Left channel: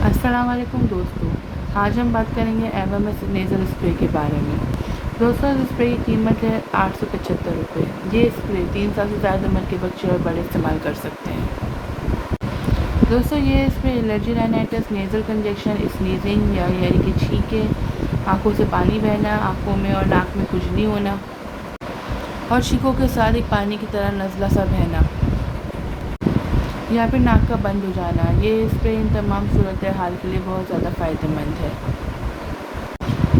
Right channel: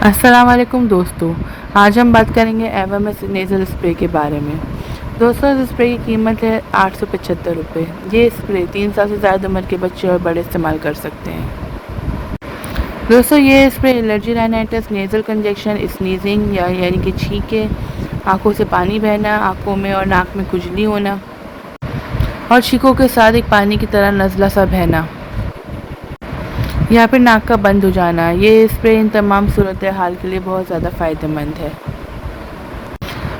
अस्सलाम वालेकुम दोस्तों। आज हम बात करेंगे एवोमिस नेज़ल स्प्रे के बारे में। दोस्तों, इस स्प्रे की कीमत है 875 रुपये। ये स्प्रे 3 साल से ज़्यादा उम्र के बच्चे और बड़े इस्तेमाल कर सकते हैं। दोस्तों, ये spray allergy rhinitis, nasal conjunction, sneezing यानी कि छींके, आंखों से पानी बहना, आंखों में और नाक में खुजली होना और छींकों के साथ एक पानी की तरह नज़ला सा बहना या फिर नाक का बंद हो जाना, ये स्प्रे इन तमाम सूरत हाल के लिए बहुत ज़्यादा फ़ायदेमंद है।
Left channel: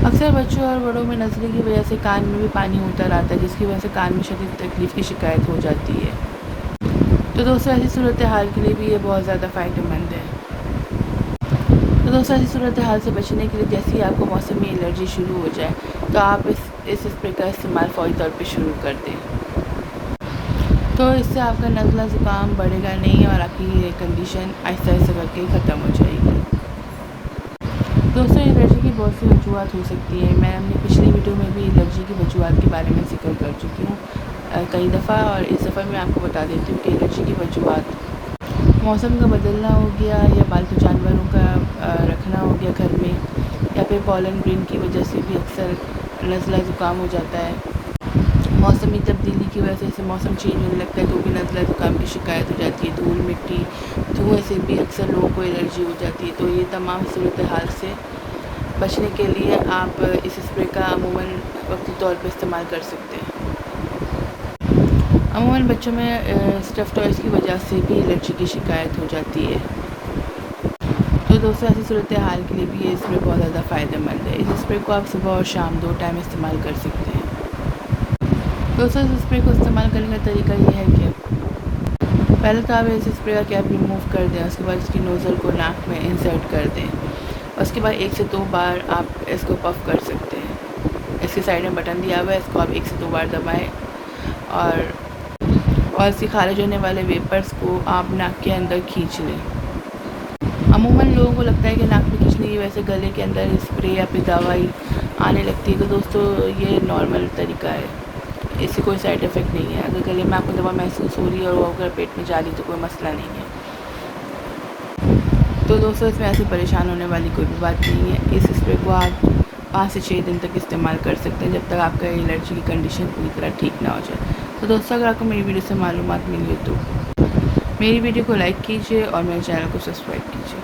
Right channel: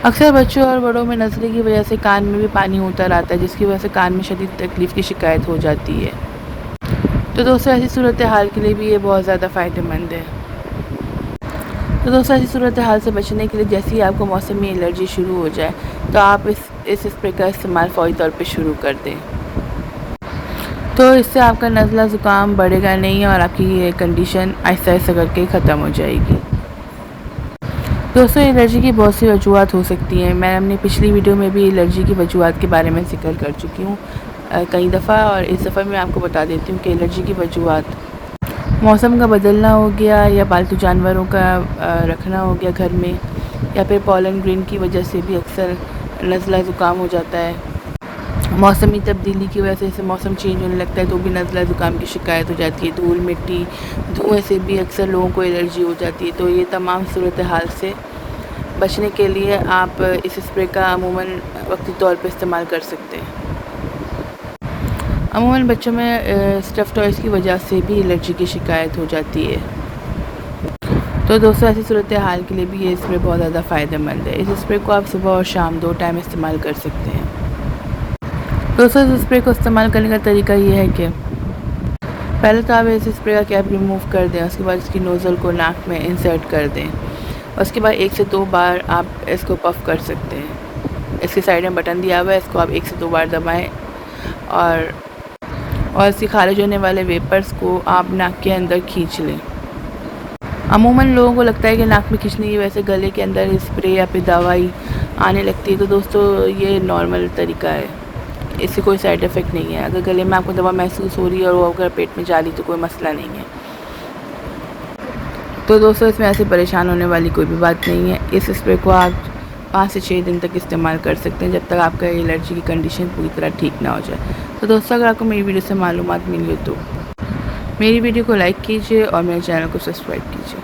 अक्सर बच्चों और बड़ों में नज़ले की वजह से कान में भी पानी होता रहता है, जिसकी वजह से कान में शदीद तकलीफ़ की शिकायत हो जाती है। तो दोस्तों, ऐसी सूरत हाल के लिए भी ये बहुत ज़्यादा फ़ायदेमंद है। तो दोस्तों, ऐसी सूरत हाल से बचने के लिए जैसे ही आपको मौसमी एलर्जी शुरू हो जाए तो आप इस स्प्रे का इस्तेमाल फ़ौरी तौर पे शुरू कर दें। तो इससे आपका नज़ला ज़ुकाम बढ़ेगा नहीं और आपकी ये कंडीशन आहिस्ता आहिस्ता करके ख़त्म हो जाएगी। दोस्तों, एलर्जी की बहुत सी वजूहत हो सकती हैं। मैं अपनी पिछली वीडियो में भी एलर्जी की वजूहत के बारे में ज़िक्र कर चुकी हूँ कई दफ़ा, और इस दफ़ा मैं आपको बता देती हूँ कि एलर्जी की वजूहत मौसम का बदलना हो गया, या पालतू जानवरों का रखना हो गया घर में, या फिर पॉलन ग्रेन की वजह से भी अक्सर नज़ला ज़ुकाम हो जाता है। मौसमी तब्दीली की वजह से जैसे मौसम चेंज होने लगता है तो भी नज़ला ज़ुकाम की शिकायत हो जाती है। धूल मिट्टी धुएँ से भी अक्सर लोगों को एलर्जी हो जाती है। तो ये तमाम सूरत हाल से बचने के लिए आप इस स्प्रे का अमूमन वक्ती तौर पे इस्तेमाल कर सकते हैं। अमूमन बच्चों में स्टफ़ टॉयज़ की वजह से भी एलर्जी की शिकायत हो जाती है। तो दोस्तों, ऐसी सूरत हाल के लिए भी ये स्प्रे बहुत ज़्यादा फ़ायदेमंद है। इस स्प्रे को आप सुबह और शाम 2 टाइम इस्तेमाल कर सकते हैं। दोस्तों, इस स्प्रे को इस्तेमाल करने का तरीका ये है कि पहले तो आप इस स्प्रे का कैप रिमूव कर दें, उसके बाद इसकी नोज़ल को नाक में इंसर्ट कर दें। उसके बाद 1 से 2 बार आप इसको पफ़ कर सकते हैं। इसके साइड में बटन दिया हुआ है, इसको आप 1 से 2 बार दबाएँ और इसके खारिज होने वाले वेपर्स को आप नाक के अंदर खींच लें। अमूमन लोगों को लगता है कि नाक में खींचने की वजह से गले के अंदर स्प्रे या फिर दवाई आने लगती है। तो दोस्तों, ये नॉर्मल तरीका है, इससे कोई साइड इफ़ेक्ट नहीं है। अगर गले में आपको दवा महसूस हो रही है और वो अगर पेट में जा रही तो कोई मसला नहीं है। तो दोस्तों, इसमें ऐसे परेशान होने वाली कोई भी बात नहीं है। इस स्प्रे को आप 5 से 6 दिन तक इस्तेमाल कर सकते हैं, जब तक आपका एलर्जी की कंडीशन पूरी तरह ठीक ना हो जाए। तो दोस्तों, अगर आपको मेरी वीडियो से मालूमात मिली तो मेरी वीडियो को लाइक कीजिए और मेरे चैनल को सब्सक्राइब कीजिए।